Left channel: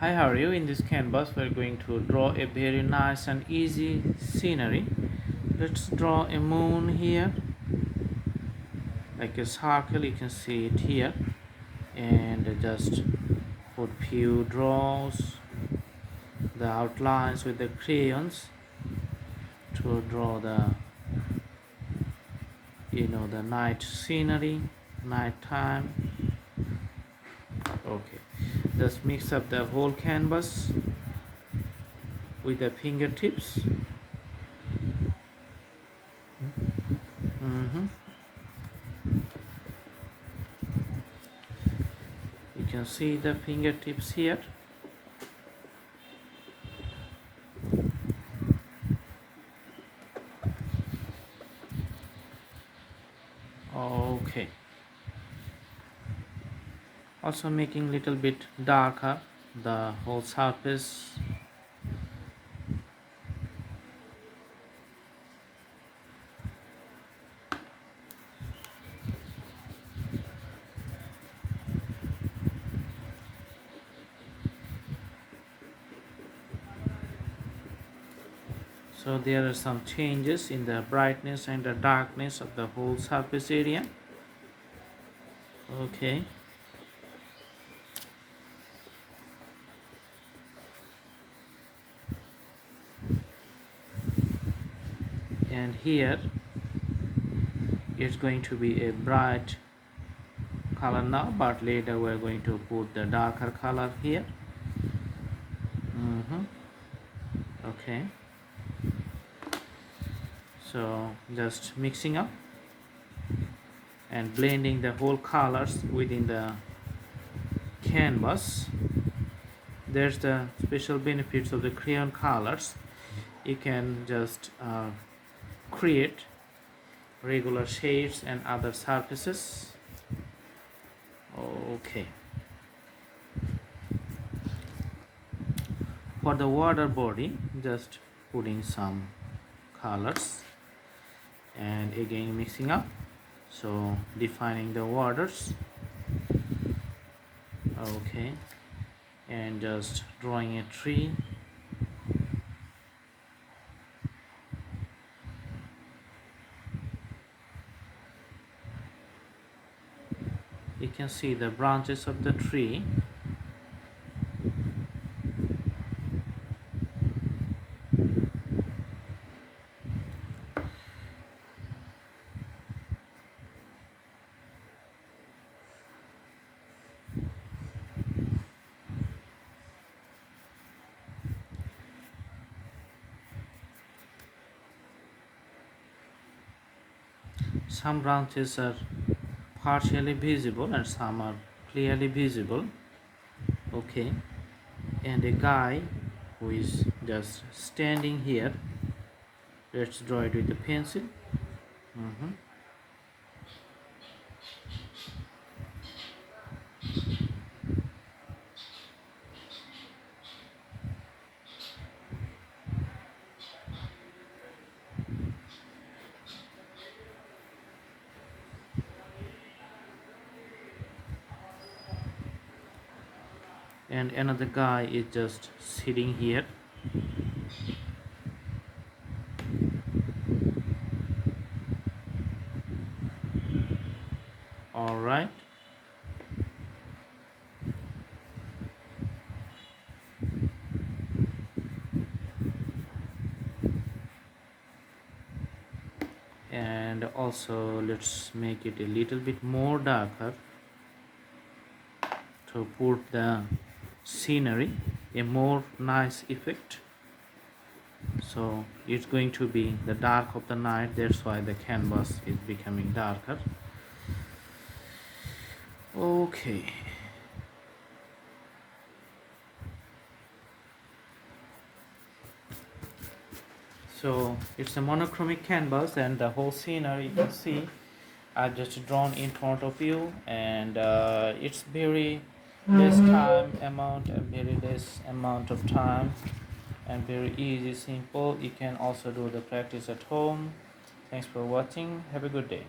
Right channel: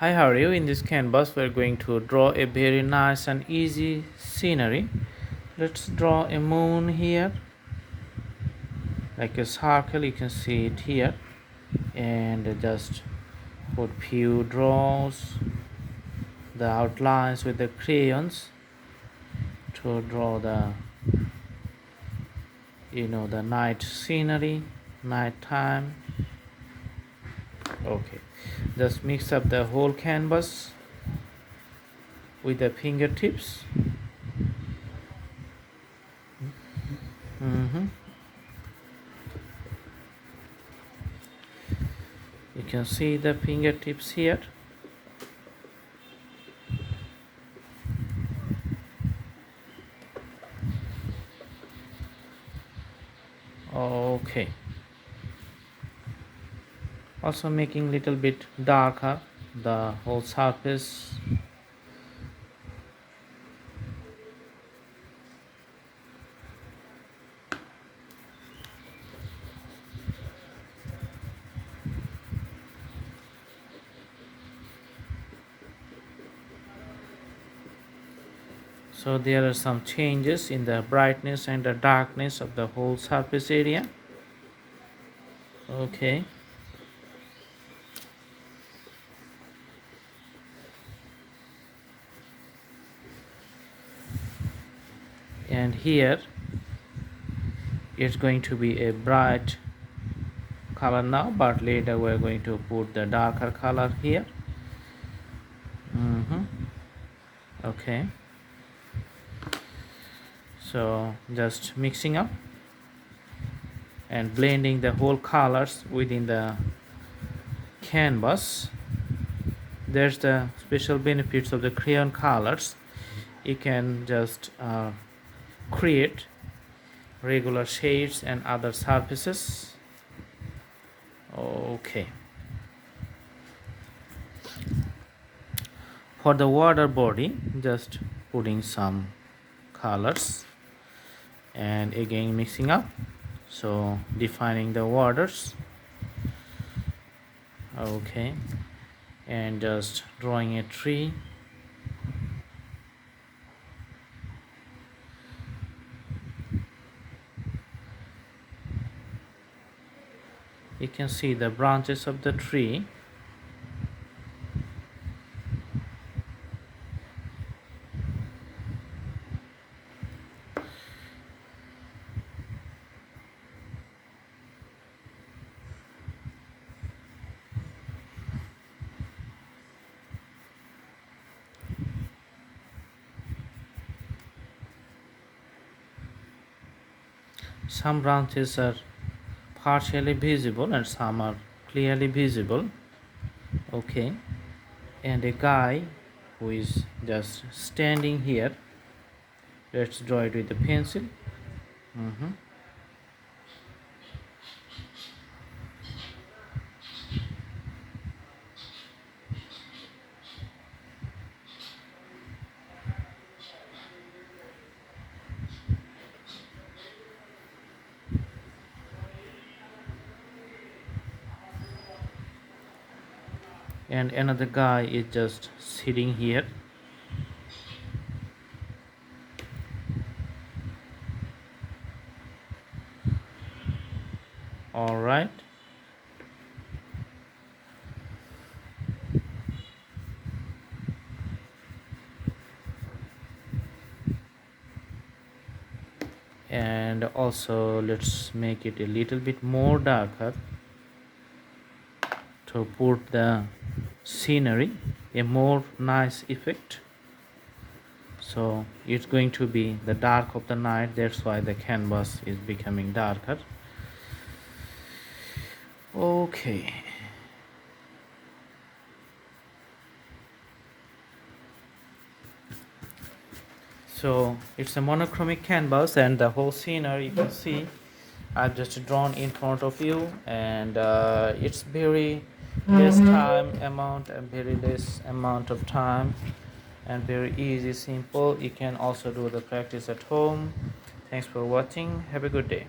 Hi, how are you? In this canvas, we're going to draw a very nice and easy scenery. Let's draw a moon here, like a circle. You can see it here, and just put few draws, the outlines with the crayons to draw the night scenery, night time. Okay, just mix up the whole canvas with the fingertips. Mhm. You can see the fingertips here. Okay, also making little bit darker the whole surface. So there are some changes in the brightness and the darkness of the whole surface area. Okay, and here it's going to be a bright color now, but later we're going to put the darker color here. Okay, so just mixing up and blending the whole colors within the canvas. There's the special benefits of the crayon colors. You can just create regular shades and other surfaces. Okay, for the water body, just putting some colors and again mixing up, so defining the waters. Okay, and just drawing a tree. You can see the branches of the tree. Some branches are partially visible and some are clearly visible. Okay, and a guy who is just standing here. Let's draw it with a pencil. Mhm. And another guy is just sitting here. All right, and also let's make it a little bit more darker to put the scenery a more nice effect. So it's going to be the dark of the night, that's why the canvas is becoming darker. Okay, so it's a monochromatic canvas and the whole scenery you can see I've just drawn in front of you, and it's very less time amount and very less amount of time and very easy, simple. You can also do the practice at home. Thanks for watching. Have a good day.